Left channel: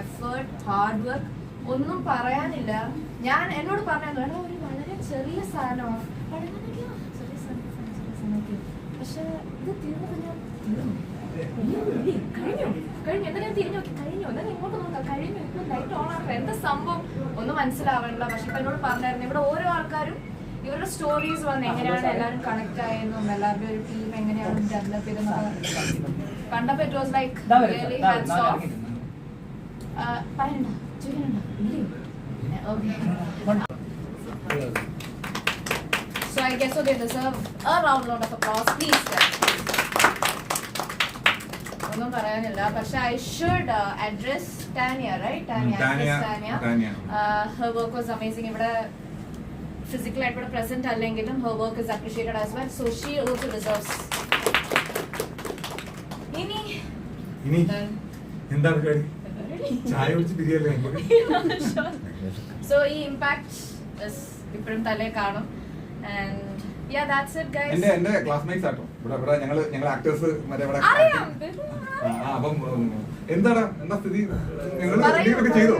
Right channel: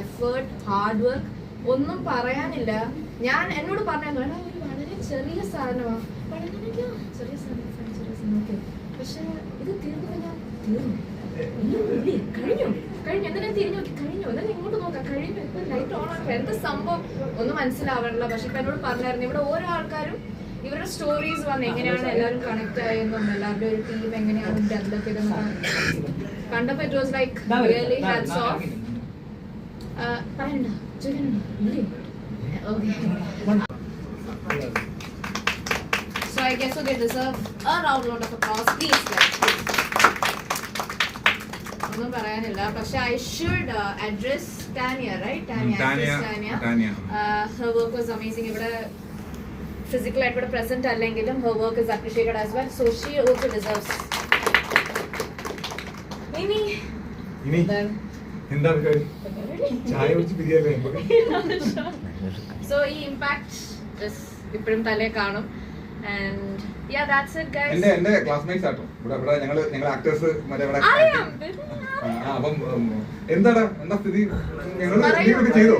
Effort, hard work ഒന്നും പറയാനില്ല. ഞാൻ എന്നോട് പറഞ്ഞു ഒരു വളരെ ചെറിയ സാധനമാണ്, ചെറിയ സാധനം ഓക്കെ, പക്ഷെ ഇത് തീർന്നു കഴിഞ്ഞാൽ തീർന്നു കഴിഞ്ഞു എന്തെങ്കിലും തിരിഞ്ഞു നോക്കി കഴിഞ്ഞു, എന്നാലും ഇങ്ങോട്ട് നോക്കാം കഴിഞ്ഞു, ഇപ്പൊ ലൈറ്റ് ഓൺ ആക്കുക, എന്താ സംഭവം ഒന്നും മനസ്സിലാവണില്ല. പക്ഷെ ഇപ്പൊ എന്നോട് പറഞ്ഞായിരുന്നു ഇവിടെ ഓരോ ആൾക്കാരും ഇവരുടെ സ്റ്റോറീസ് വന്ന് എങ്ങനെയാണ് എല്ലാവരും കണക്ട് ആയെന്നും എല്ലാവരുടെയും ഒരു ടീം എങ്ങനെയാണ് ഡെവലപ്പ് ചെയ്തെന്നൊക്കെ കണ്ടപ്പോ it was like really hats off. പറയണ്ട ചോദിക്കണോ ഇല്ലേ? Okay, so I guess so they deserve a round of applause please. ഒന്നും പറയാനില്ല, പക്ഷെ I should address Tanya, right? Tanya. Her work was amazing. ഇവിടെ physically ആയിട്ട് ഇവിടെ present അല്ലെങ്കിലും her work is appreciated as well, so she also deserves. ഇനി എന്താ പരിപാടി? ചായ കുടിച്ച് പിരിയല്ലേ? So ഈ impact is ഇപ്പോഴും തലേ കാണും. And yeah, that's it guys. എന്റെ ക്ലാസ്മേറ്റ്സ് ആട്ടോ ഇവിടെ ഞങ്ങൾ ആക്ടേഴ്സ് മറ്റേ ഇവിടെ അപ്പം എന്താ സ്ഥിതി? ഞങ്ങൾ ചെയ്തോ?